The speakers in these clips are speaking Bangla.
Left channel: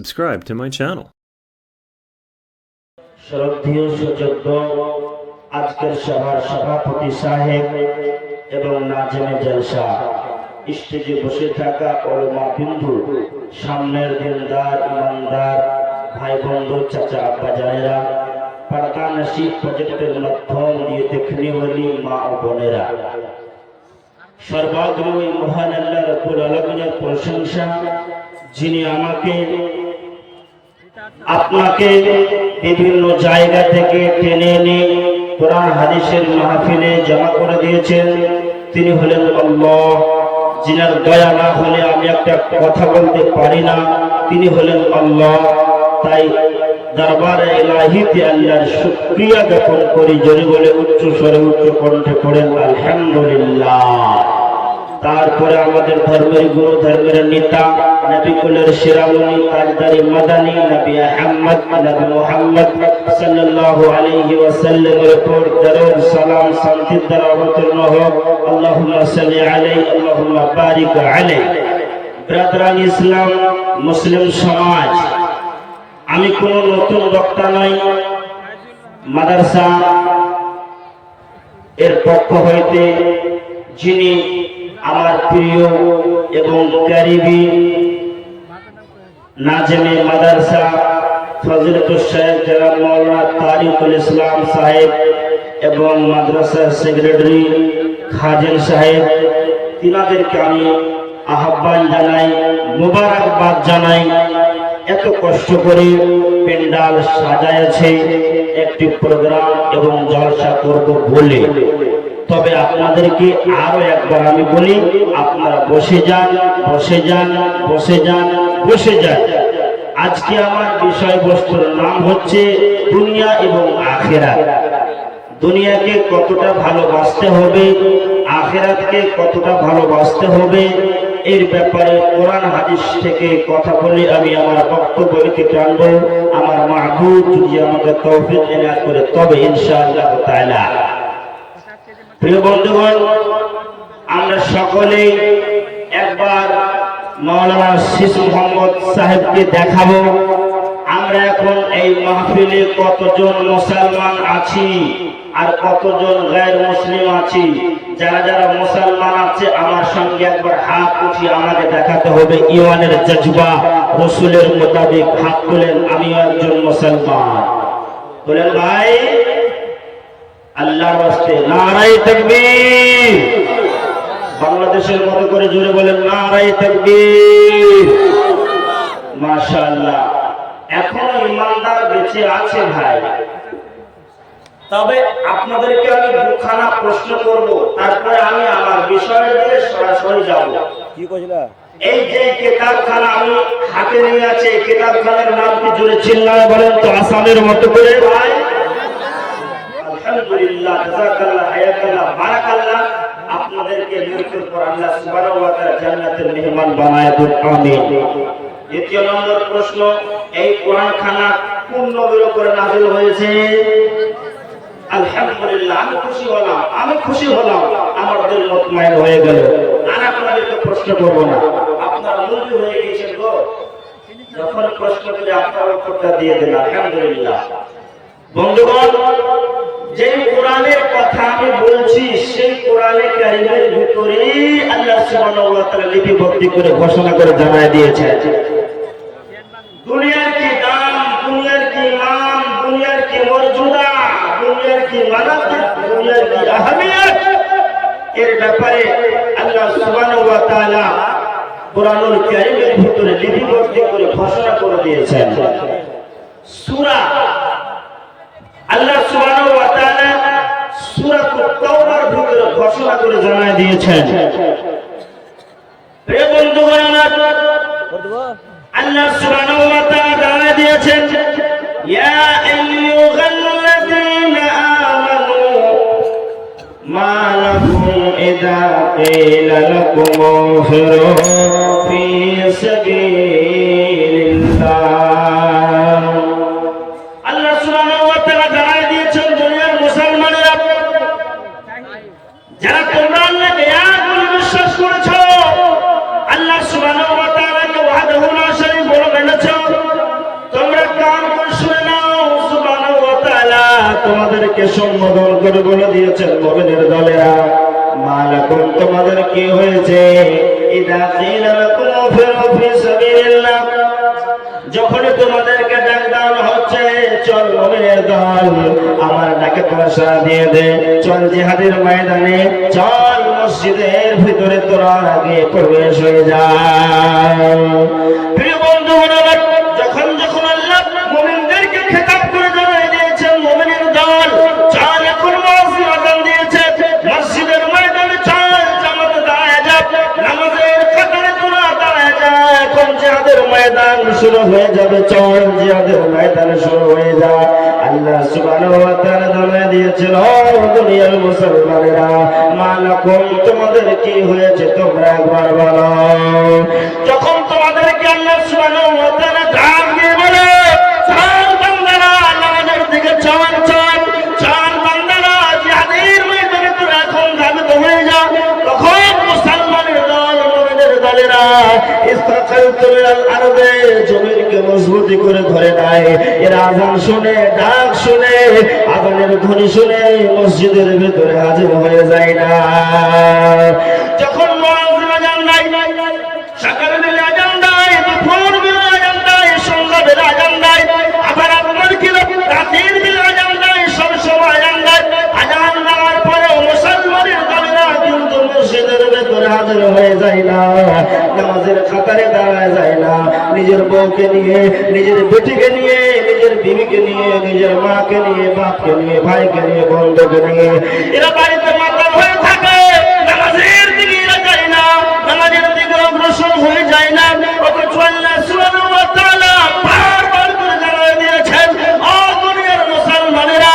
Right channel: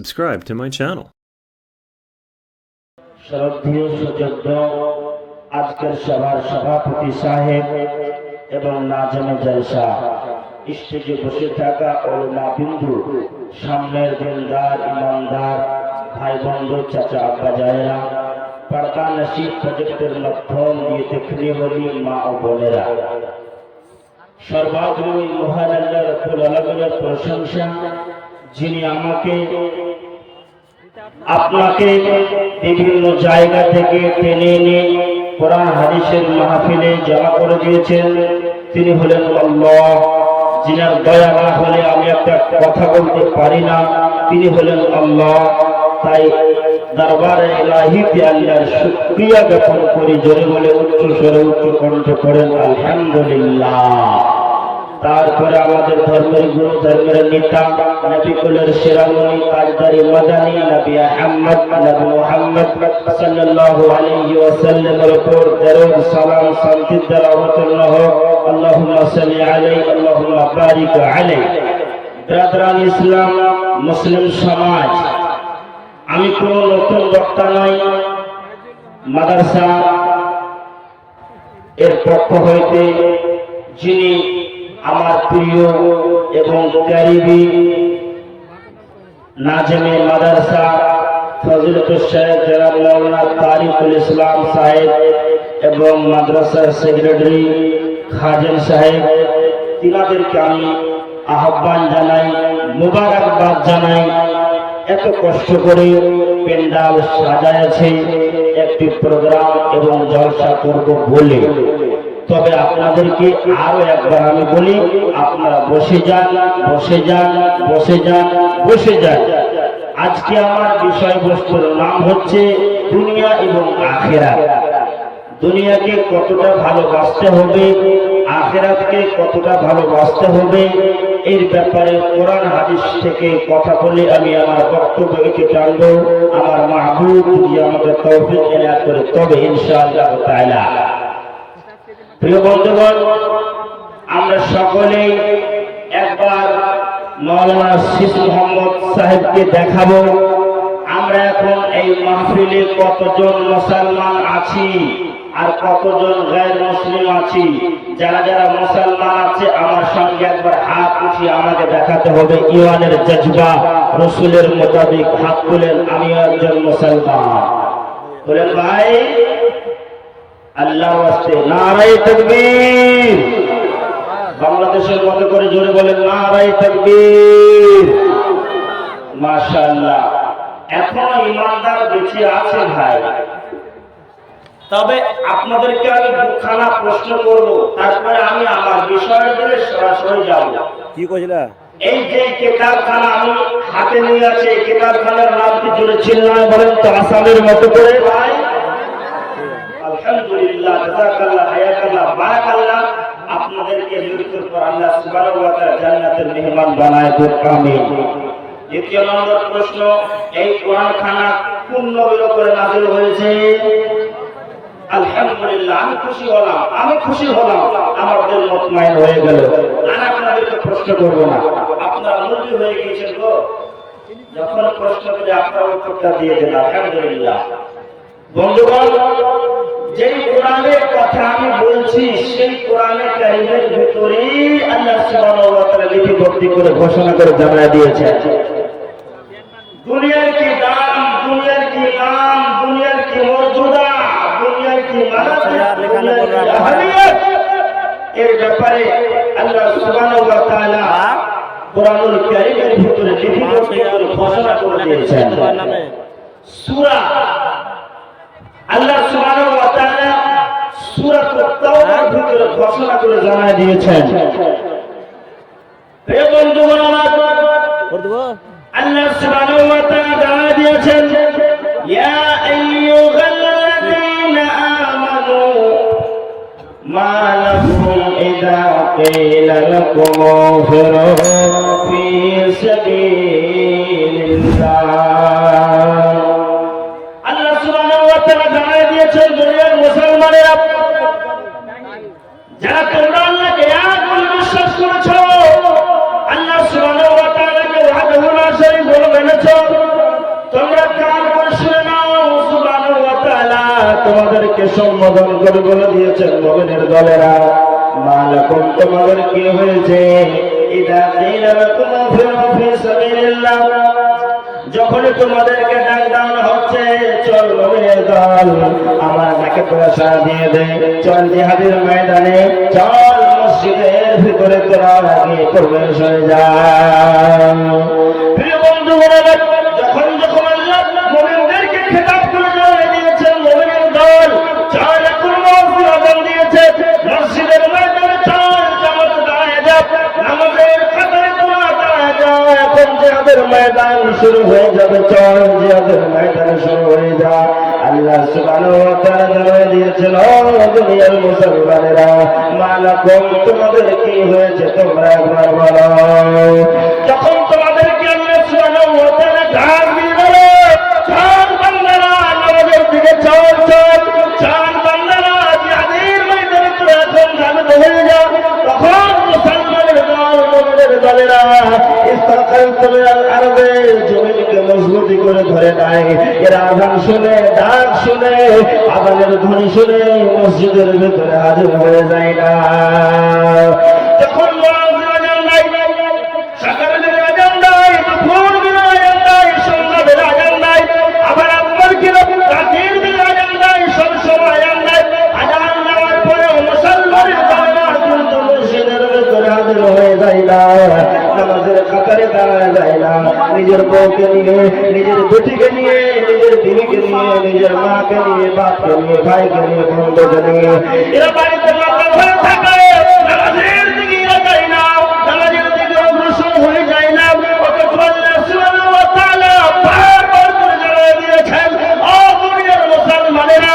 subscribe to my channel. শ্রদ্ধেয় সুযোগ্য আজকের সভার সভাপতি সাহেব এবং নাজেমে জলসা, স্টেজে বসে থাকা ওলামা বিন্দু, সামনের দিনদার ইমানদার ভাই বন্ধু চাচা আব্বা জানেরা, পর্দা নসিব প্রজেক্টের মাধ্যম দিয়ে দেখনে वाली মা ও বোনেরা, সর্বাগ্রী মহান আল্লাহ রাব্বুল আলামিনের প্রশংসা, যিনি আমাকে আপনাকে বিভিন্ন জায়গা থেকে টেনে এনে কোরআন হাদিসের মাহফিলে জমা করে দিয়েছেন। তিনি হলেন আল্লাহ, যিনার দয়া না হলে আমি একটা কথা বলতে পারি না। তিনি হলেন আল্লাহ, তাই দরবারে ইলাহিতে আল্লাহর শুকরিয়া জ্ঞাপন করি। জোরে বলে উচ্চ স্বরে উচ্চ কণ্ঠে পড়েন আলহামদুলিল্লাহ। তারপরে আমাদের ধর্মের গুরু, ধর্মের নেতা, নবী কুলের শিরামণি, তাজদারি মাদানী নবী আহমদ, নবী মুহাম্মদ সাল্লাল্লাহু আলাইহি ওয়াসাল্লামের উপর দরুদ সালাম শান্তির দ্বারা অবতীর্ণ হোক। আল্লাহুম্মা সাল্লি আলাইহি আল্লাহুম্মা বারিক আলাইহি। ব্রাদারান ইসলাম, মুসলিম সমাজ, আমি কোনো নতুন বক্তা নই। মাদ্রাসা এর পক্ষ হইতে যিনি আমার প্রিয় এবং কারিবি নাজেমে মাদ্রাসা ফজিলতুল শেখ জনাব মাওলানা তারিকুল ইসলাম সাহেব এবং মাদ্রাসার সেক্রেটারি খাজেন সাহেব, তিনাদেরকে আমি আহ্বান জানাই, মুবারকবাদ জানাই। এত কষ্ট করে পেন্ডাল সাজাইছে একটি প্রোগ্রাম এবং জলসা করব বলে, তবে আপনাদেরকে আরো একবার আমি বলি, আপনারা বসে যান, বসে যান, বসে যান, বসে যান। আজকে আমার বিষয়বস্তুর নাম হচ্ছে দুনিয়া এবং আখিরাত। দুনিয়াকে কতটা ভালোবাসতে হবে, আখিরাতকে কতটা ভালোবাসতে হবে, এর ব্যাপারে কোরআন হাদিস থেকে কথা বলে আমি আমার বক্তব্যকে টানবো। আমার মাহবুব যদি আমাকে তৌফিক এনায়েত করে তবে ইনশাআল্লাহ তাআলা। প্রিয় বন্ধুগণ, আমরা সকলেই একবার মাওলানা শীষ মোহাম্মদ সাহেবকে দেখাবো আমরা এখন এই মাহফিলে কতজন মুসলমান আছি আর কতজন গায়র মুসলিম আছি। যারা যারা মুসলমান আছে আমার সঙ্গে একবার হাত উঠিয়ে আমাকে দেখাতে হবে ঈমানের জজবা, রাসূলের মোতাবেক হাত তুলেন, আমিও একজন মুসলমান। বলেন ভাই, আল্লাহর ওয়াস্তে নারায়ে তাকবীর। বাংলাদেশের মতো করে জোরে বলেন নারায়ে তাকবীর। মাশাআল্লাহ, এখনো ইমানদার বেঁচে আছে ভাই। তবে আপনাদেরকে আমি দুখানা প্রশ্ন করব, তারপরে আমি আমার বিষয়ের দিকে সরাসরি যাব। কি কইলা? এই যে কিতাবখানা আমি হাতে নিয়ে আছি, এই কিতাবখানার নাম কি? জোরে চিল্লায় বলেন তো আসামের মতো করে ভাই। আলহামদুলিল্লাহ, জাযাকাল্লাহ, হায়াকাল্লাহ, বারাকাল্লাহ। আপনাদেরকে মৃত্যুর পর আল্লাহ সুবহানাহু ওয়া তাআলা জান্নাতের মেহমান বানায় দেন, আমিন। দ্বিতীয় নম্বর প্রশ্ন, এই কোরআনখানা কোন নবীর উপরে নাযিল হয়েছে? আলহামদুলিল্লাহ, আমি খুশি হলাম, আমি খুশি হলাম, আমার দিল মুতমাইন হয়ে গেল। আর আপনাদেরকে প্রশ্ন করব না, আপনারা মুরগি হয়ে গিয়েছেন গো। যখন প্রশ্ন করে আপনারা উত্তরটা দিয়ে দেন। আলহামদুলিল্লাহ। বন্ধুগণ, যেই কোরআনের কথা আমি বলছি সেই কোরআনে কারীমের ভিতরে আল্লাহ সুবহানাহু ওয়া তাআলা লিপিবদ্ধ করে ঘোষণা করে জানায় দিয়েছেন দুনিয়ার কি দাম, দুনিয়ার কি মান, দুনিয়ার কি মর্যাদা, দুনিয়ার কি মানাসিব, দুনিয়ার কি আহমিয়ত, এর ব্যাপারে আল্লাহ সুবহানাহু ওয়া তাআলা কোরআনুল কারীমের ভিতরে লিপিবদ্ধ করে ঘোষণা করে দিয়েছেন। সূরা আল্লাহ সুবহানাহু ওয়া তাআলা সূরাতুত তাওবার ভিতরে ঘোষণা করে জানায় দিয়েছেন। প্রিয় বন্ধুগণ, আল্লাহ সুবহানাহু ওয়া তাআলা জানায় দিয়েছেন, ইয়া আইয়ুহাল্লাযীনা আমানু মা লাকুম ইযা কিলা লাকুম ইনফিরু ফী সাবিলিল্লাহ। আল্লাহ সুবহানাহু ওয়া তাআলা জানায় দিয়েছেন, দুনিয়ার মুসলমানেরা যারা তোমরা আল্লাহকে এক বলে বিশ্বাস করেছো, আল্লাহ সুবহানাহু ওয়া তাআলাকে ওয়াহদাহু লা শারীকা বলে মেনেছো, তাদেরকে সম্বোধন করে বলে দিয়েছেন মুমিনের দলেরা মালাকুম তোমাদের কি হয়েছে ইদা কিলা লাকুম ফিরু ফি সাবিলিল্লাহ যখন তোমাদেরকে ডাক দেওয়া হচ্ছে চল মুমিনের দল আমার ডাকে তোরা সাড়া দিয়ে দে চল জিহাদের ময়দানে চল মসজিদের ভিতরে তোরা আগে প্রবেশ হয়ে যা প্রিয় বন্ধুগণ যখন যখন আল্লাহ মুমিনদেরকে খেতাব করে জানিয়ে দিয়েছেন মুমিনের দল চল এখন মুয়াজ্জিন আযান দিয়েছে মসজিদের ময়দানে চল জামাতে দাঁড়ায় যা নামাজের কাতারে তোরা দাঁড়ায় যা এখন জিহাদের ময়দান শুরু হয়ে যাবে চল জিহাদের ময়দানে শুরু হয়ে যা আল্লাহ সুবহানাহু ওয়া তাআলা জানিয়ে দিয়েছেন ও দুনিয়ার মুসলমানেরা মালাকুম তোমাদের কি হয়েছে তোমরা একবার বলো যখন তোমাদেরকে আল্লাহ সুবহানাহু ওয়া তাআলা ডাক দিয়ে বলে চল বান্দারা নামাজের দিকে চল চল চল বান্দারা জিহাদের ময়দানে তোরা এখন ধাবিত হয়ে যাও তখন মুসলমানের দল মুমিনের দলেরা ইস্তাকালতুম আল আরদে জমিনকে মজবুতি করে ধরে নাই এর আযান শুনে ডাক শুনে আযানের ধ্বনি শুনে মসজিদের ভিতরে হাজির হয়ে যায় না যখন মুয়াজ্জিন আযান নাই সকালে বেলা আযান নাই দুপুর বেলা আযান নাই সন্ধ্যা বেলা আযান নাই আবার আপনার কি রাতের বেলা আযান নাই সব সময় আযান নাই আযান দেওয়ার পরে মুসলমানের দলেরা কিন্তু মসজিদের ভিতরে হাজির হয়ে যায় না নামাজের কাতারে দাঁড়ায় যায় না নিজের বউকে নিয়ে নিজের বেটিকে নিয়ে নিজের বিবিকে নিয়ে নিজের মাকে নিয়ে বাপকে নিয়ে ভাইকে নিয়ে বন্ধুকে নিয়ে এরা বাড়িতে মাতাল হয়ে থাকে নামাজের দিকে এরা যায় না নামাজের দিকে অগ্রসর হয়ে যায় না অথচ আল্লাহ সুবহানাহু ওয়া তাআলা বারবার করে জানিয়ে দিয়েছেন ও দুনিয়ার মুসলমানেরা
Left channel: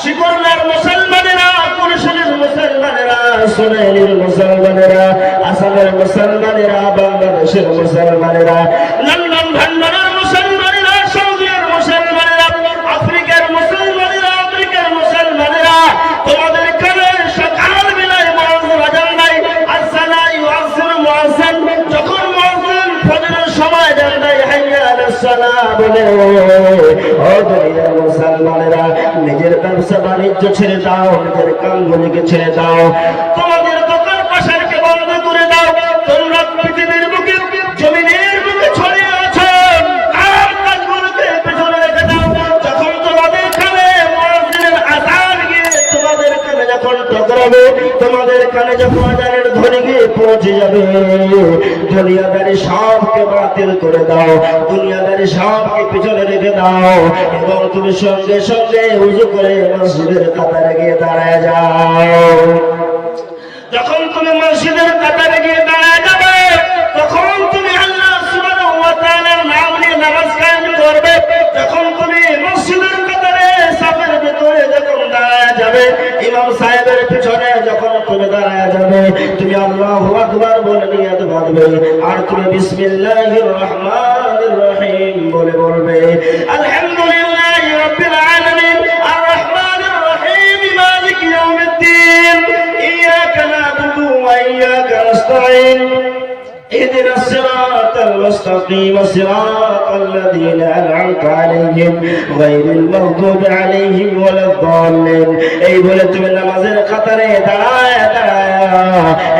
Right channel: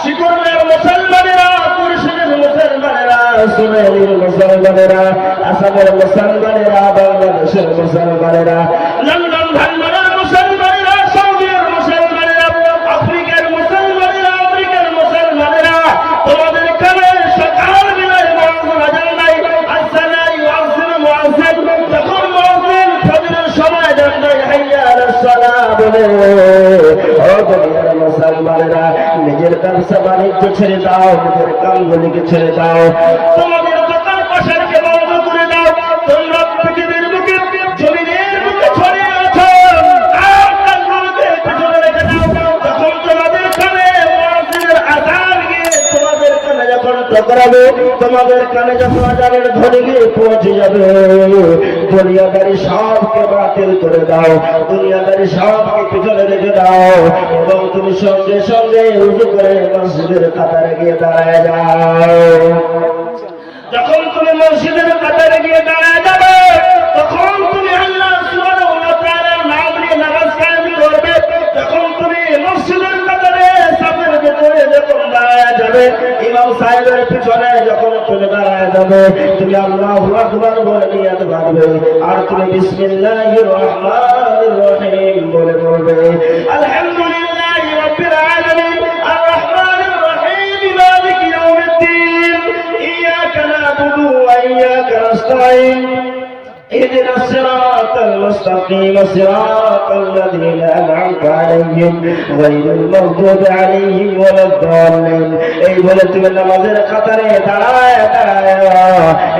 শিকরনের মুসলমানেরা কুরশিনের মুসলমানেরা সুনাইনের মুসলমানেরা আসামের মুসলমানেরা বাংলাদেশের মুসলমানেরা লন্ডন ভান্ডারের মুসলমানেরা সৌদির মুসলমানেরা আফ্রিকার মুসলমানেরা আমেরিকার মুসলমানেরা তোমাদের কানে সকাল বেলায় মুয়াজ্জিন আযান নাই আসসালা ইউআজ্জিনু মুয়াজ্জিন যখন মুয়াজ্জিন ফজরের সময় আযান দেয় হাইয়া আলাস সালাহ বলে ও দুনিয়ার মুসলমানেরা নিজের ব্যবসা বাণিজ্য ছেড়ে দাও নিজের কামগুলিকে ছেড়ে দাও তোমাদের দোকান পাশারকে বন্ধ করে দাও তোমরা পৃথিবীর বুকে জমিনের বুকে ছড়িয়ে আছো কামগুলিকে পেছনে রেখে দাও যখন তোমাদের কানে মুয়াজ্জিনের আযান গিয়ে তোমাদের কানে যখন টকরাবে তোমাদের কানে যখন আযানের ধ্বনি গিয়ে পৌঁছে যাবে দুনিয়াদারি সবকে বাতিল করে দাও দুনিয়াদারি সবকে পিছনে রেখে দাও এবং তুমি সঙ্গে সঙ্গে উযু করে মসজিদের কাতারে গিয়ে দাঁড়ায় যাও যখন তুমি মসজিদের কাতারে গিয়ে দাঁড়ায় যাবে তখন তুমি আল্লাহ সুবহানাহু ওয়া তাআলার নাম নিয়ে নামাজ কায়েম করবে যখন তুমি মসজিদের কাতারে সাফের ভিতরে যখন দাঁড়ায় যাবে ইমাম সাহেবের পিছনে যখন তুমি দাঁড়ায় যাবে তুমি আল্লাহু আকবার বলে নিয়ত বাঁধবে আর তুমি বিসমিল্লাহির রহমানির রহিম বলে বলবে আলহামদুলিল্লাহি রাব্বিল আলামিন আর রহমানির রহিম মালিকি ইয়াউমিদ্দিন ইয়াকা না'বুদু ওয়া ইয়াকা নাস্তাঈন اهدنا الصراط المستقيم صراط الذين أنعمت عليهم غير المغضوب عليهم ولا الضالين এই বলে তুমি নামাজের কাতারে দাঁড়ায় দাঁড়ায়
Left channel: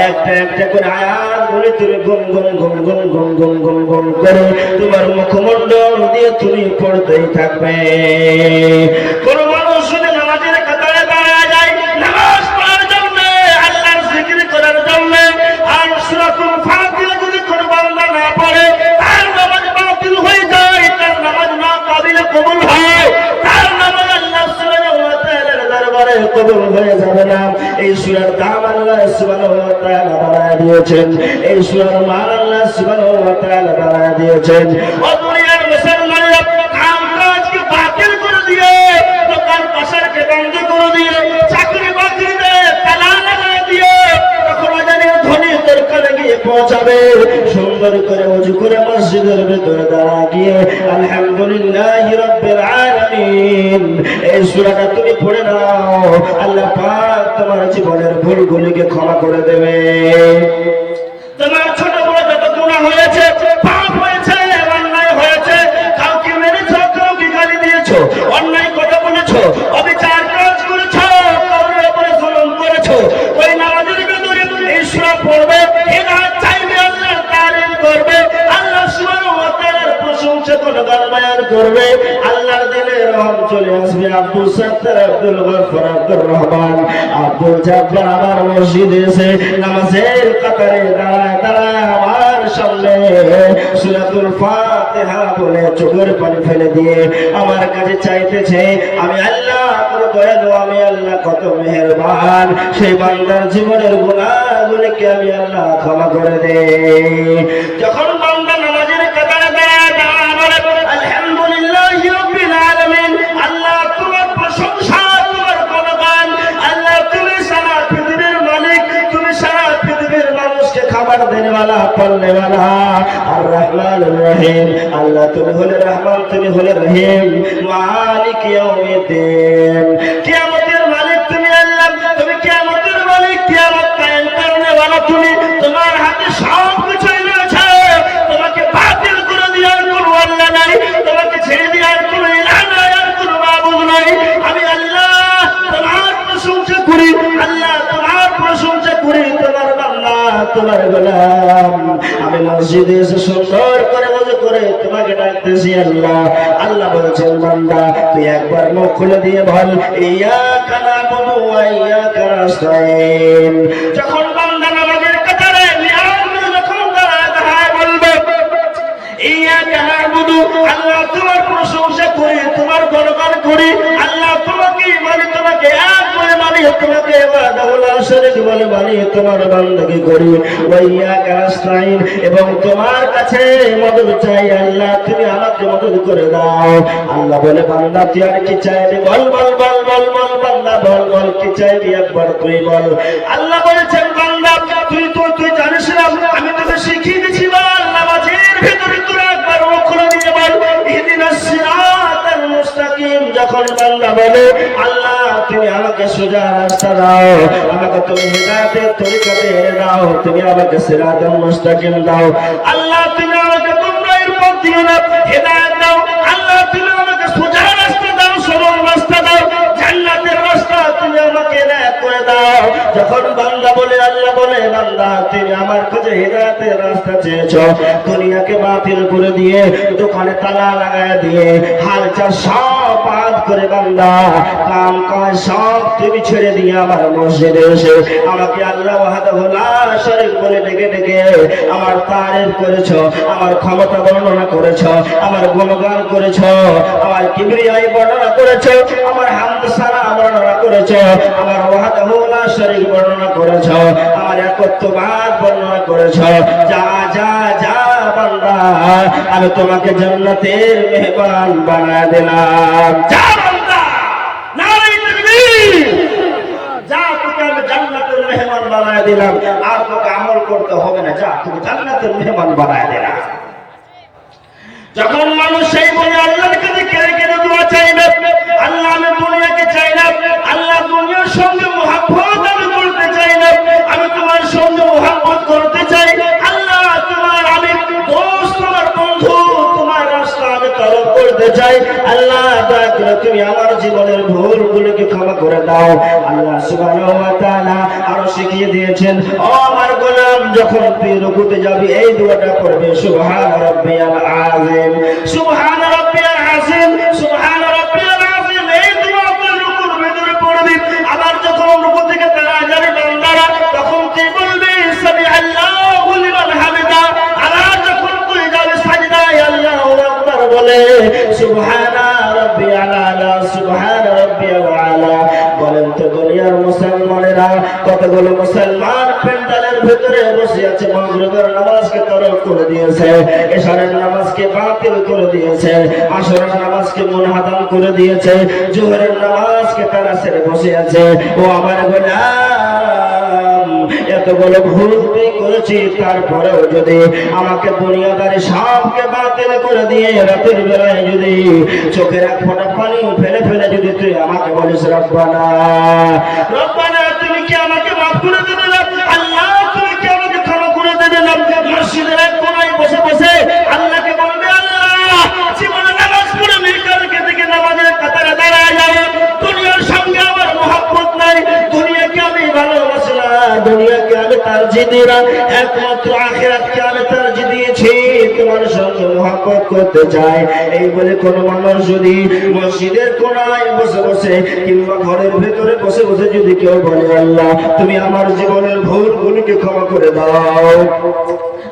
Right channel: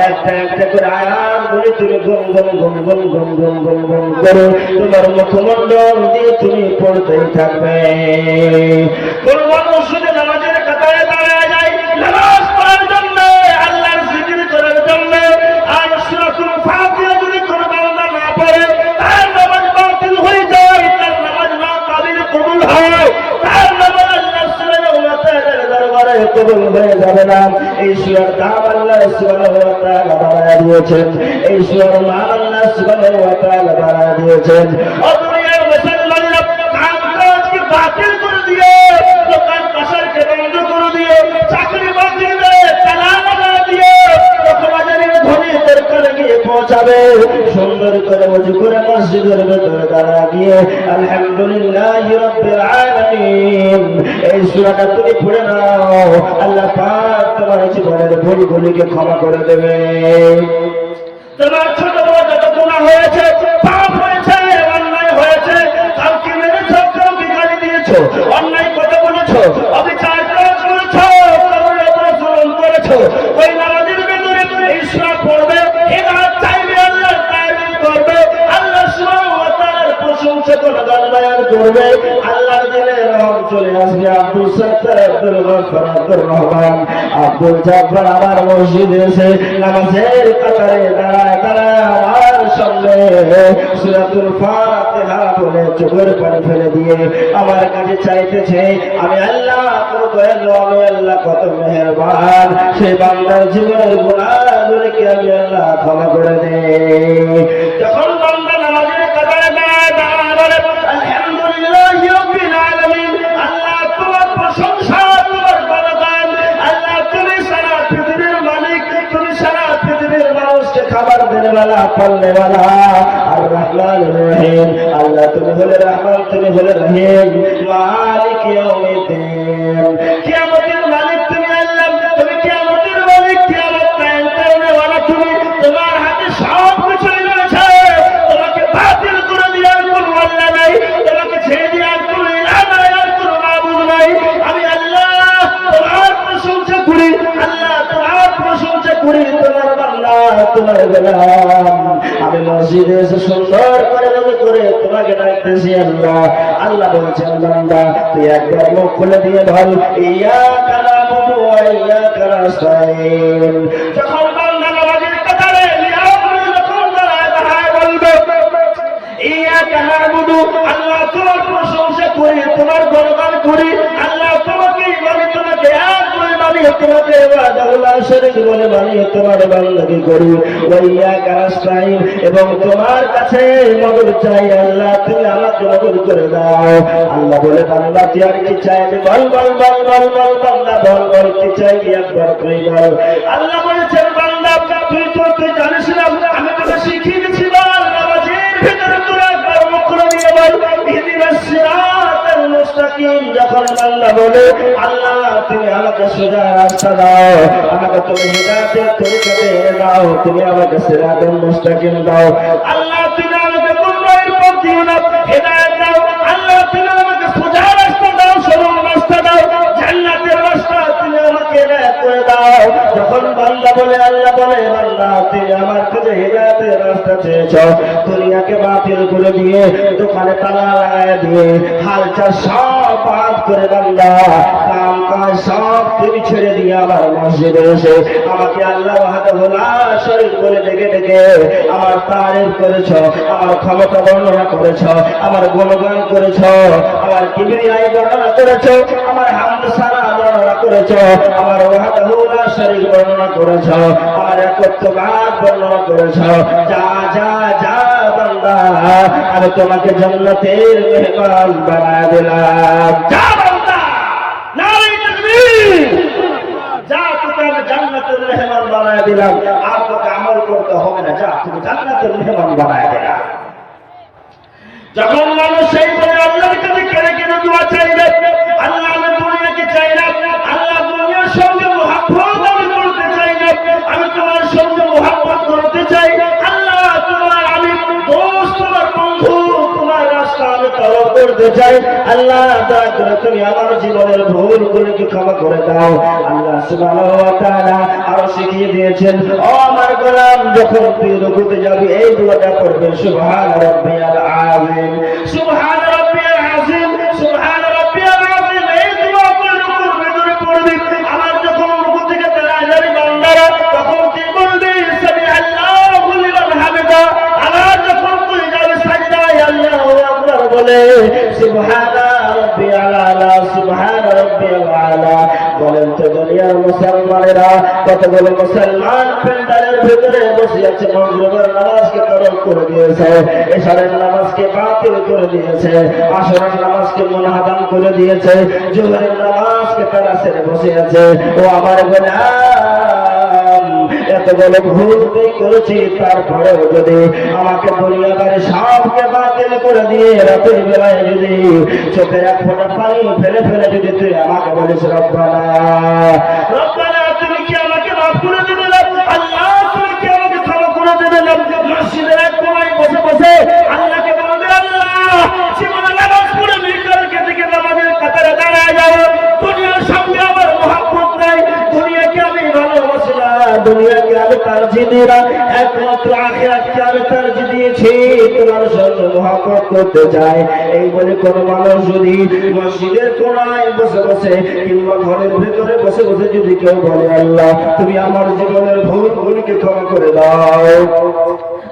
একটা একটা করে আয়াতগুলি তুমি গুন গুন গুন গুন গুন গুন গুন গুন করে তোমার মুখমণ্ডল দিয়ে তুমি পড়তেই থাকবে কোন মানুষ যদি নামাজের কাতারে দাঁড়ায় যায় নামাজ পড়ার জন্য আল্লাহর জিকির করার জন্য আর সূরাতুল ফাতিহা কবুল হয় তার নামাজ আল্লাহ সুবহানাহু ওয়া তাআলার দরবারে কবুল হয়ে যাবে না এই সূরার দাম আল্লাহ সুবহানাহু ওয়া তাআলা বাড়ায় দিয়েছেন এই সূরার মান আল্লাহ সুবহানাহু ওয়া তাআলা বাড়ায় দিয়েছেন ও দুনিয়ার মুসলমানেরা কাম কাজকে বাতিল করে দিয়ে দোকান পাশারকে বন্ধ করে দিয়ে চাকরি বাকরিতে তালা লাগায় দিয়ে তখন আযানের ধ্বনি তোর কানে গিয়ে পৌঁছাবে সুন্দর করে ওযু করে মসজিদের ভিতরে দাঁড়া গিয়ে আলহামদুলিল্লাহি রাব্বিল আলামিন এই সূরাটা তুমি পড়ে নাও আল্লাহ পাক তোমার জীবনের ভুলগুলিকে ক্ষমা করে দেবে তোমার ছোট বড় যত গুনাহ হয়েছে পাপ হয়েছে অন্যায় হয়েছে কাউকে মেরেছো কাউকে গালি দিয়েছো অন্যায় কথা বলেছো অবিচার সূরা পড়বে, হেদায়েত চাইবে, আল্লাহর তারিফ করবে, আল্লাহ সুবহানাহু ওয়া তাআলার প্রশংসা গুণগান বয়ান করবে, আল্লাহর দিলে রহম চলে আসবে। আব্দুল সত্তার, আব্দুল গফফার, আব্দুর রহমান, আব্দুল জব্বার আমার মসজিদে এসে নামাজের কাতারে দাঁড়ায় দাঁড়ায় আমার সামনে সূরাতুল ফাতিহা বলে চোখের পানি ফেলে দিয়ে আমার কাছে চাইতেছে, আমি আল্লাহ কত দয়ালু, আমি আল্লাহ কত মেহেরবান, সেই বান্দার জীবনের গুনাহগুলোকে আমি আল্লাহ ক্ষমা করে দেই। যখন বান্দা নামাজের কাতারে দাঁড়ায় দাঁড়ায় বলে আলহামদুলিল্লাহি রাব্বিল আলামিন, আল্লাহ তোমার প্রশংসা, তোমার গুণগান, আল্লাহ তুমি সারা পৃথিবীর মালিক, তুমি সারা পৃথিবীর মানুষকে খাবার দেনেওয়ালা, পালনেওয়ালা, আর রহমানুর রহিম, আল্লাহ তুমি হলে রহমান, তুমি হলে রহিম, মালিক ইয়াউমিদ্দিন, কিয়ামতের মালিক তুমি আল্লাহ, তুমি কিয়ামতের মালিক, কিয়ামত কায়েম করনেওয়ালা তুমি, তোমার হাতে সব কিছুই রয়েছে, তোমাকে বাতিল করে দেওয়ার কোনো আল্লাহ নাই, তোমাকে ছেড়ে দেওয়ার কোনো ইলাহ নাই, আর কোনো মাবুদ নাই। আমি আল্লাহ তোমার প্রশংসা করি, আল্লাহ তোমার প্রশংসা করি, তোমার বান্দা, তোমার গোলাম। আমি মসজিদে এসে সুন্দর করে ওযু করে তোমাকে ডাকতেছি আল্লাহ। আল্লাহ বলছেন, বান্দা তুই একবার মুখ খুলে দিয়ে বল ইয়াকা নাবুদু ওয়া ইয়াকা নাস্তাইন। যখন বান্দা নামাজের কাতারে যখন দাঁড়ায় বলবে ইয়াকা নাবুদু, আল্লাহ তোমার প্রশংসা করি, তোমার গুণগান করি, আল্লাহ তোমাকে মানে তোমাকে এক বলে মানি, তোমাকে ওয়াহদাহুল শরীক বলে মানি, তোমার বান্দাকে করি, ওয়া ইয়াকা নাস্তাইন, এবং তোমার কাছে মদদ চাই, আল্লাহ তুমি আমাকে মদদ করে দাও। আল্লাহ বলে, বান্দা তুই আর কি চাইবি? বল বল বল বল বল, বান্দা বল বল কি চাইবি, একবার তুই বল। আল্লাহ বলেছেন, বান্দা তুই জানিস না আমি তোকে শিখিয়ে দিয়েছি, বল নামাজের ভিতরে তুই একবার মুখ খুলে দিয়ে বল ইহদিনাস সিরাতাল মুস্তাকিম। যখন বান্দা বলে আল্লাহ তুমি আমাকে সোজা রাস্তা দাও, আমাকে তুমি হিদায়াতের তরিকাতে দাও, তুমি আমাকে সিরাতাল মুস্তাকিম দাও, আল্লাহ তুমি আমাকে গুমরাহির পথ দিও না, হিদায়াত দাও, আল্লাহ তুমি আমাকে সোজা রাস্তা দাও, সরল রাস্তা দাও, জান্নাতের রাস্তা তুমি আমাকে নেক করে দাও। যখন বান্দা বলে, আল্লাহ বলে, বান্দা তুমি আমার কাছে হিদায়াতের রাস্তা চেয়েছো, দুনিয়াকে বাতিল করে দিয়ে, দোকানে তালা লাগায় দিয়ে, হাল চাষ সব বাদ করে বান্দা কাম কাজ সব তুমি ছেড়ে দিয়ে আমার মসজিদে এসে আমাকে আল্লাহ ওয়াহদাহু লা শারীক বলে ডেকে ডেকে আমার তারিফ করেছো, আমার ক্ষমতা বর্ণনা করেছো, আমার গুণগান করেছো, আমার কিবরিয়াই বর্ণনা করেছো, আমার হামদ সানা বর্ণনা করেছো, আমার ওয়াহদাহু লা শারীক বর্ণনা করেছো, আমার একত্ববাদ বর্ণনা করেছো। যা যা যা বান্দা, আমি তোমাকে জান্নাতের মেহমান বানায় দিলাম। যা বান্দা, নারে তাকবীর, যা তোকে আমি জান্নাতের মেহমান বানায় দিলাম, আর তোকে আমল করতে হবে না, যা তুমি জান্নাতের মেহমান বানায় দিলাম। যখন মানুষ সেই বলে আল্লাহর কাছে কেড়ে কেড়ে দোয়া চাইবে, আল্লাহ আমি দুনিয়াকে চাই না, আল্লাহ দুনিয়ার সঙ্গে মুহাব্বত আমি করতে চাই না, আমি তোমার সঙ্গে মুহাব্বত করতে চাই, আল্লাহ তোমার আমি দোস্ত, তোমার বন্ধু, তোমার রাস্তা আমি তলব করতে চাই, আল্লাহ দয়া করে তুমি আমার জীবনের ভুলগুলোকে ক্ষমা করে দাও। আল্লাহ সুবহানাহু ওয়া তাআলা আরো শিখিয়ে দিয়েছেন, ও আমার গোলাম যখন তুই রুকুতে যাবি এই দোয়াটা পড়বে, সুবহান রাব্বিয়াল আযীম, সুবহান রাব্বিয়াল আযীম, সুবহান রাব্বিয়াল আযীম। এই দোয়া তুই রুকুর ভিতরে পড়বি। আবার যখন রুকু থেকে দাঁড়ায় যাবি বান্দারা, তখন তুই বলবি সামি আল্লাহু লিমান হামিদা। আবার যখন তুই যাবি সাজদায় আল্লাহু আকবার বলে সুবহানা রাব্বিয়াল আলা, সুবহানা রাব্বিয়াল আলা। বলেন তো দুনিয়ার মুসলমানেরা কতগুলো মুসলমান প্যান্ডেলের ভিতরে বসে আছে, মাগরিবের নামাজকে তরক করে দিয়েছে, এশারের নামাজকে বাতিল করে দিয়েছে, আসরের নামাজকে মুনহাদাম করে দিয়েছে, জোহরের নামাজকে তারা ছেড়ে বসে আছে। ও আমার গোলাম, এতগুলো ভুল তুই করেছি, তারপরেও যদি আমাকে দুনিয়াদারি সবকে বাতিল করে দিয়ে রাতের বেলায় যদি চোখের এক ফোঁটা পানি ফেলে ফেলে যদি তুই আমাকে বলিস রব্বানা, রব্বানা তুমি কি আমাকে মাফ করে দেবে না? আল্লাহ তুমি কি আমাকে ক্ষমা করে দেবে না? মসজিদের এক কোনায় বসে বসে আল্লাহকে বলবে, আল্লাহ জীবনে নামাজ পড়ে মির্কারকে থেকে নামাজের কাতারে দাঁড়ায় যাও, দুনিয়ার সঙ্গে আমার মহব্বত নাই, দুনিয়াকে আমি ভালোবাসি না, দুনিয়াকে আমি তারজিহ দিরা একমাত্র আখিরাতকে আমি তারজিহ দিয়েছি তোমার সঙ্গে মহব্বত করতে চাই। এই বলে কোন মানুষ যদি মসজিদের কোনায় বসে বসে কিংবা ঘরের ভেতরে বসে বসে যদি কেউ বলে আল্লাহ তুমি আমার জীবনের ভুলগুলোকে ক্ষমা করে দাও,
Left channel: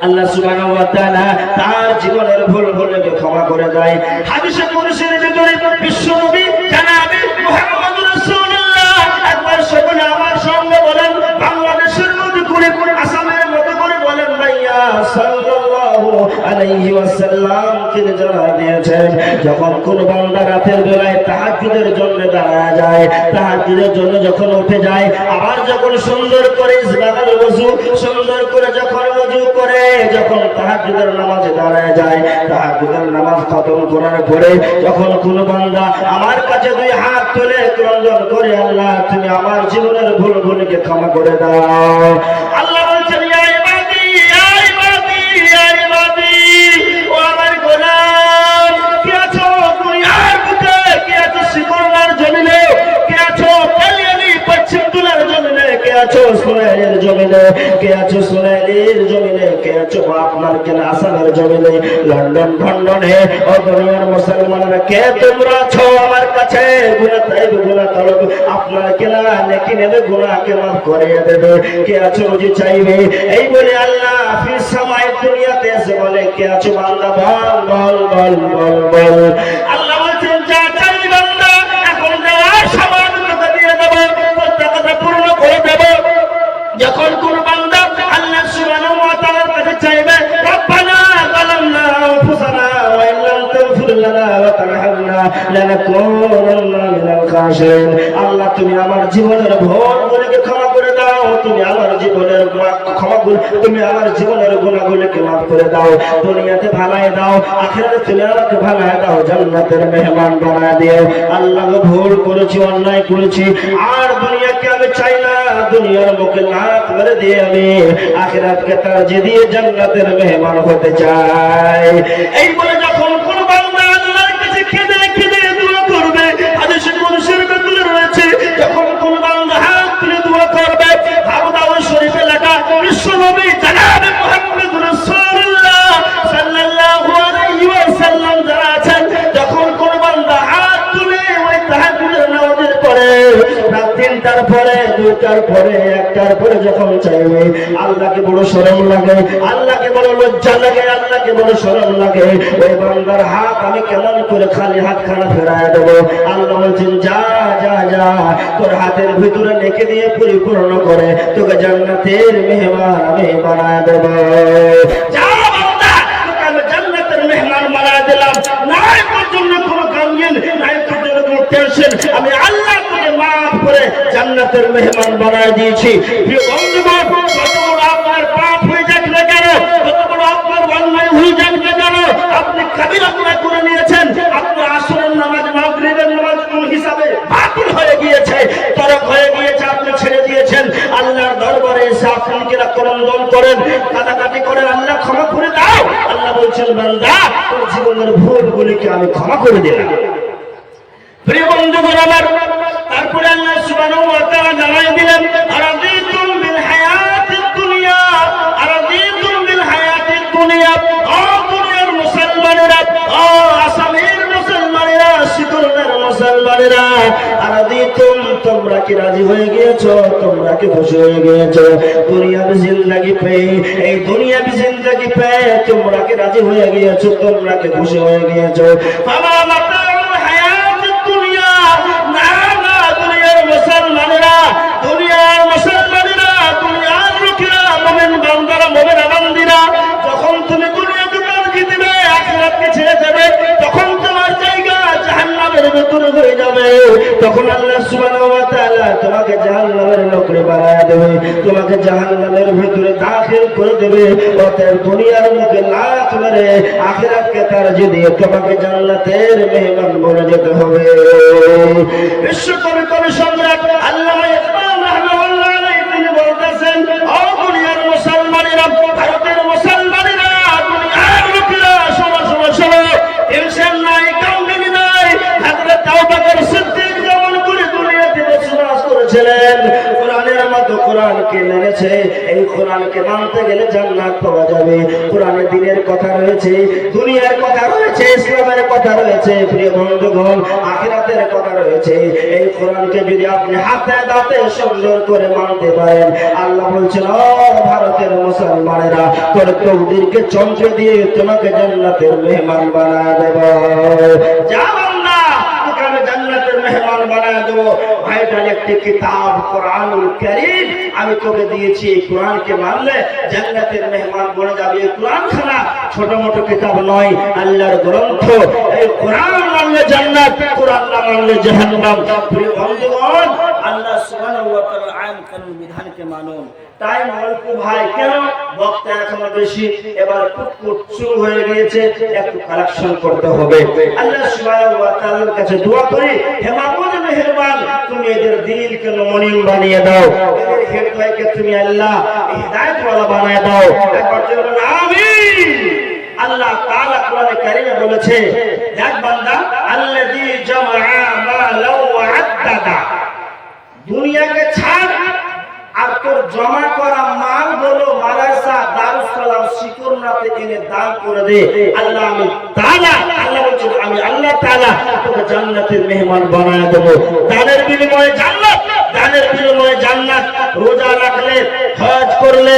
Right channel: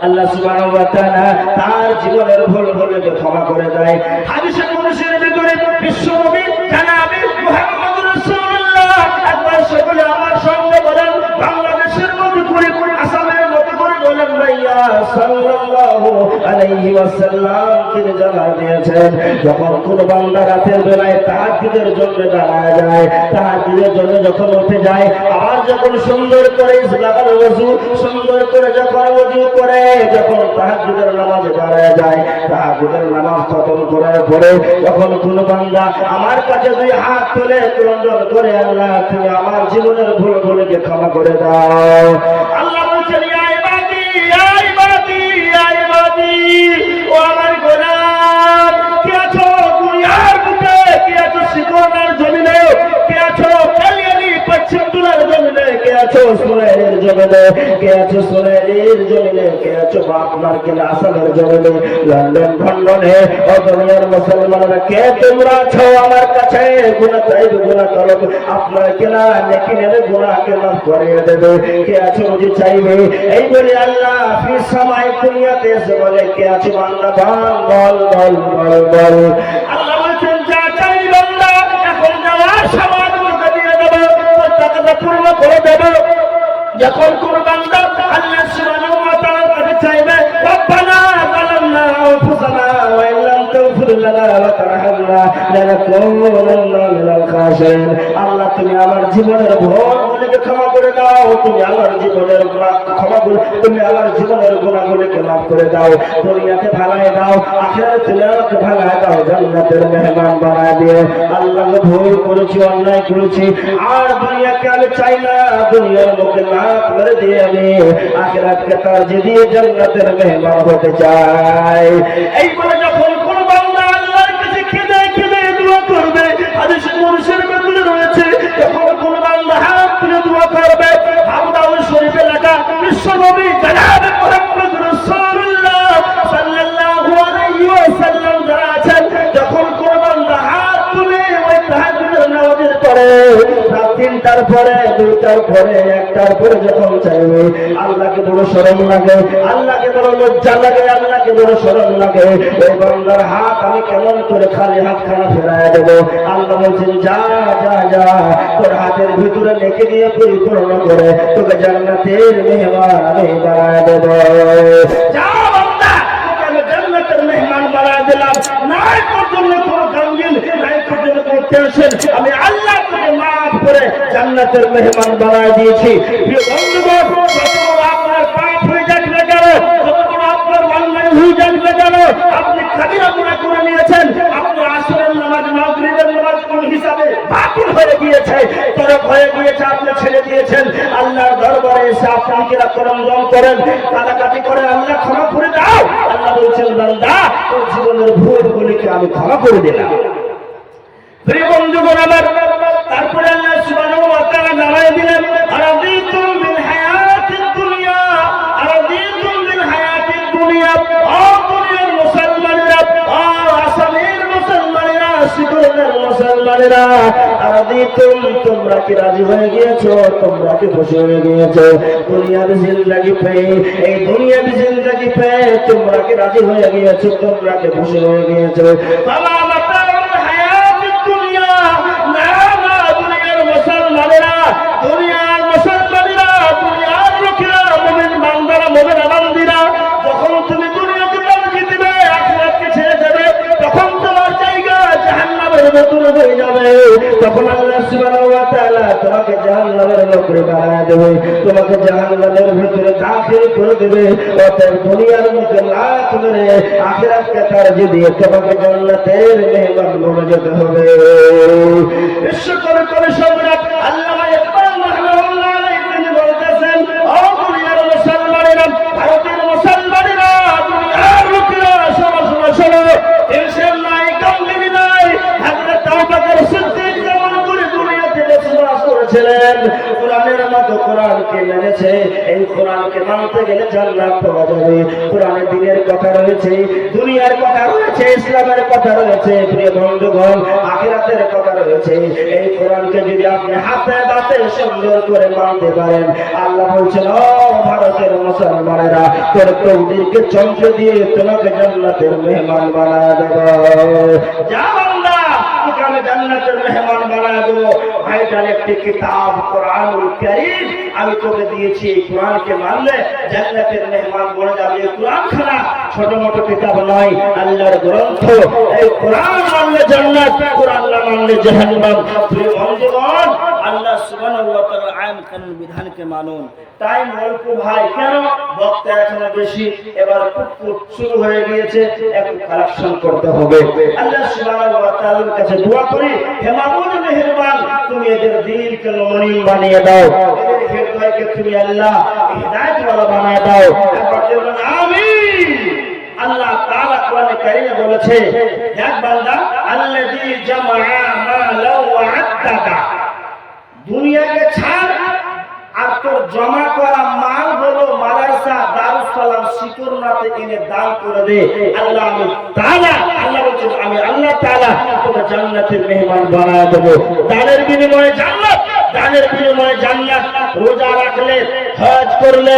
আল্লাহ সুবহানাহু ওয়া তাআলা তার জীবনের ভুলগুলোকে ক্ষমা করে দেয়। হাদিসে কুদসির ভিতরে বিশ্বনবী জনাবে মুহাম্মদ রাসূলুল্লাহ একবার সকলে আমার সঙ্গে বলেন, বাংলাদেশের মধ্যে করে আসামের মধ্যে করে বলেন ভাইয়া সাল্লাল্লাহু আলাইহি ওয়াসাল্লাম তিনি জানায় দিয়েছেন যখন কোন বান্দা রাতের বেলায় তাহাজ্জুদের জন্য দাঁড়ায় যায়, তাহাজ্জুদের জন্য যখন উঠে যায়, আবার যখন সুন্দর করে ইসবাগাল ওযু সুন্দর করে যখন ওযু করে যখন তাহাজ্জুদের নামাজে দাঁড়ায় যায়, তাহাজ্জুদের নামাজ খতম করার পরে যখন কোন বান্দা আমার কাছে দুই হাত তুলে ক্রন্দন করে আল্লাহ তুমি আমার জীবনের ভুলগুলোকে ক্ষমা করে দাও, আল্লাহ বলছেন ইয়া ইবাদি ইয়া ইবাদি ইয়া ইবাদি ও আমার গোলাম কি আছো দুনিয়ার বুকে, কি আছো সিকোনার জমিনে, কি আছো কালিয়ালি পশ্চিম দুলার জমিনে, কে আছো সোনাইয়ের জমিনে, কে আছো সোনাইয়ের জমিনে, কে আছো আপনার কেনা আসামের জমিনে, লন্ডন ভন্ডনে ও দুনিয়ার মুসলমানরা কে তোমরা আছো আমার কাছে গুনাহ তাইব গুনাহ করো আপনার কেনা নেকি নেবে গুনাহকে মাফ করে দেবে, কে আছো রুজি চাইবে এই বলে আল্লাহ ফি সামাই দুনিয়াতে এসে বলে কে আছো বান্দা বল বল বল বল বল, আল্লাহ বলছেন যা চাই বান্দা এখন দেওয়ার সময় দিয়ে দেব প্রত্যাশা পূর্ণ করে দেব। যখন কোন বান্দা আল্লাহ সুবহানাহু ওয়া তাআলার কাছে চাইবে রব্বানা যালামনা আনফুসানা ওয়া ইল্লাম তাগফির লানা ওয়া তারহামনা লানাকুনান্না মিনাল খাসিরিন, আল্লাহ তুমি আমার জীবনের ভুলগুলোকে ক্ষমা করে দাও, তুমি আমার জীবনের তুমি আমার জীবনের গুনাহগুলোকে মাফ করে দাও, দুনিয়াতে ভালাই দাও আখিরাতে চলে আমাকে ভালাই দাও, জান্নাতের মেহমান বানায় দিও। আল্লাহ ভুল করেছি অন্যায় করেছি আর দুনিয়াকে আমি চাই না, দুনিয়ার মুখে লাত মেরে দিয়ে আমি আখিরাতকে তারজিহ দিয়ে জান্নাতের মেহমান হতে চাই। এই বলে যখন কোন বান্দা আল্লাহর কাছে কেঁদে কেঁদে দোয়া করবে, হাদিসে কুদসির ভিতরে রয়েছে যখন কোন বান্দা হাত তুলে দোয়া করবে, আবু দাউদ শরীফে লেখা বিশ্বনবী জনাবে মুহাম্মদ রাসূলুল্লাহ সাল্লাল্লাহু আলাইহি ওয়াসাল্লাম যারা আছেন যখন কোন বান্দা হাত তুলে ওই তাহাজ্জুদের নামাজের পরে রাত 3টার পরে 2টার পরে 1টার পরে যখন চাইবে আল্লাহকে বড় শরম লাগে, আল্লাহকে বড় লজ্জা লাগে, আল্লাহকে বড় শরম লাগে, ওই বান্দার হাত আমি কেমন করে খালি হাত খানা ফেরায় দেব, আল্লাহ বলছেন যা যা যা তোর হাতের ভিতরে লিখে দিয়ে পরিপূর্ণ করে তোকে জান্নাতের মেহমান আমি বানায় দেব, যা বান্দা তোকে আমি জান্নাতের মেহমান বানায় দিলাম, নাই তোর জন্য কোনো গামগিন নাই তোর জন্য কোনো টেনশন, আমি আল্লাহ তোকে মাফ করে জান্নাতের মেহমান বানায় দিয়েছি। প্রিয় বন্ধুগণ যত বড় আপনার পাপ হয়ে যাক না কেন, যত বড় আপনার অন্যায় হয়ে যাক না কেন, আপনি কাবিরা গুনাহ করে নিয়েছেন, আপনার আসরের নামাজ মাগরিবের নামাজ কোন হিসাবে বাতিল হয়ে গিয়েছে, তরক হয়ে গিয়েছে, আপনি ছেড়ে দিয়েছেন, আল্লাহর দরবারে এসে আপনি কি ক্রন্দন করেন কাটাকাটি করেন আল্লাহ ক্ষমা করে দাও, আল্লাহ বলছেন বান্দা তোর জীবনের ভুলগুলিকে আমি ক্ষমা করে দিলাম। প্রিয় বন্ধুগণ আমার তারপরে আল্লাহ সুবহানাহু ওয়া তাআলা জানাই দিলেন আরাদিতুম বিল হায়াতিদ দুনিয়া, আরাদিতুম বিল হায়াতিদ দুনিয়া, ও দুনিয়ার মুসলমানেরা, ও আসামের মুসলমানেরা, সিদুরের মুসলমানেরা, আরাদিতুম তোমরা কি রাজি হয়ে গিয়েছো, তোমরা কি খুশি হয়ে গিয়েছো দুনিয়ার জিন্দেগি পেয়ে, এই দুনিয়ার জিন্দেগি পেয়ে তোমরা কি রাজি হয়ে গিয়েছো, তোমরা কি খুশি হয়ে গিয়েছো, বাবা মাতা মুসলমানেরা, দুনিয়ার মুসলমানেরা, দুনিয়ার লোকেরা, মুমিন বান্দারা, মুমিনা বান্দিরা, যখন তুমি দুনিয়াকে তারজিহ দিবে আখিরাতকে ছেড়ে দেবে তখন তোমার জায়গা জাহান্নামের ভেতরে হয়ে যাবে, তখন আল্লাহ সুবহানাহু ওয়া তাআলা তোমাকে জাহান্নামের নকরি বানায় দেবে, তোমাকে জাহান্নামের ভেতরে দাখিল করে দেবে, অতএব দুনিয়ার মুখে লাত মেরে আখিরাতকে তারজিহ দিয়ে তোমাকে জান্নাতের মেহমান বনে যেতে হবে। বিশ্বকবি কবি সম্রাট আল্লামা ইকবাল রাহমাতুল্লাহ আলাইহি তিনি বলতেছেন ও দুনিয়ার মুসলমানেরা, ভারতের মুসলমানেরা, দুনিয়ার লোকেরা, শোনো শোনো শোনো, টেনশন নাই গামগিনি নাই, হযরত আবু বকর সিদ্দিক যেমন করে দুনিয়াতে বসবাস করেছিলেন কোরআনের মতো কোরআনকে মেনেছে, এই কোরআনকে মানতে গেলে জান্নাত পাওয়া যাবে। কোরআনে দ্বীনের কথা রয়েছে, দুনিয়ার কথা রয়েছে, ইসলামের কথা রয়েছে, প্রিয় বন্ধুগণ আখিরাতের কথা রয়েছে। এই কোরআনকে যদি আপনি হাতে দাঁতে সুন্দর করে মানতে পারেন, আল্লাহ বলছেন ও ভারতের মুসলমানেরা, তোর কৌদিরকে চমকে দিয়ে তোমাকে জান্নাতের মেহমান বানায় দেব। যা বান্দা, তোকে আমি জান্নাতের মেহমান বানায় দেব। ভাইটার একটি কিতাব কোরআনুল কারীম আমি তোকে দিয়েছি, এই কোরআনকে মানলে জান্নাতের মেহমান বনে যাবে। এই কোরআন খানা ছোট মোটো কিতাব নয়, আল্লাহর গ্রন্থ। এই কোরআন মানলে জান্নাত, কোরআন না মানলে জাহান্নাম। প্রিয় বন্ধুগণ, আল্লাহ সুবহানাহু ওয়া তাআলার আইন কানুন বিধানকে মানুন। টাইম অল্প ভাই, কেন বক্তা এখনো বেশি, এবার কুটকুট শুরু হয়ে গিয়েছে, একটু কালেকশন করতে হবে। আল্লাহ সুবহানাহু ওয়া তাআলার কাছে দোয়া করি, হে মাবুদ মেহেরবান, তুমি এদের দিলকে নমনীয় বানিয়ে দাও, এদের হৃদয়কে তুমি আল্লাহ হিদায়াত ওয়ালা বানিয়ে দাও। একবার বলুন আমিন। আল্লাহ তাআলা কোরআনে কারীমে বলেছে, দেখ বান্দা, আল্লাযী জামাআ মালাও ওয়া আদ্দাদা, দুনিয়াকে ছাড় আর তোর জমা করা মাল হলো মাদ্রাসা দারুস সালাম শিকরনাতে এনে দান করে দে। আল্লাহ আমি তাআলা, আল্লাহ বলছেন আমি আল্লাহ তাআলা তোকে জান্নাতের মেহমান বানায় দেব। দানের বিনিময়ে জান্নাত, দানের বিনিময়ে জান্নাত। রোজা রাখলে, হজ করলে,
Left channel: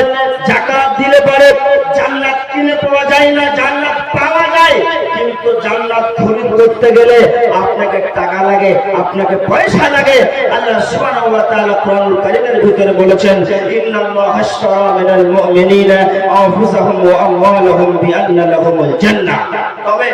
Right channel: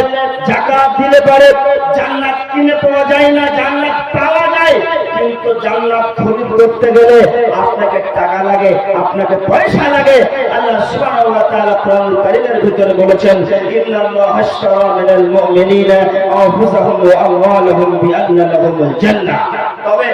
যাকাত দিলে পারে জান্নাত কিনে পাওয়া যায় না, জান্নাত পাওয়া যায়, কিন্তু জান্নাত খরিদ করতে গেলে আপনাকে টাকা লাগে, আপনাকে পয়সা লাগে। আল্লাহ সুবহানাহু ওয়া তাআলা কোরআনুল কারীমের ভিতরে বলেছেন, ইন্নাল্লাহা আশতারা মিনাল মুমিনিনা আনফুসাহুম ওয়া আমওয়ালাহুম বিআন্না লাহুমুল জান্নাহ। তবে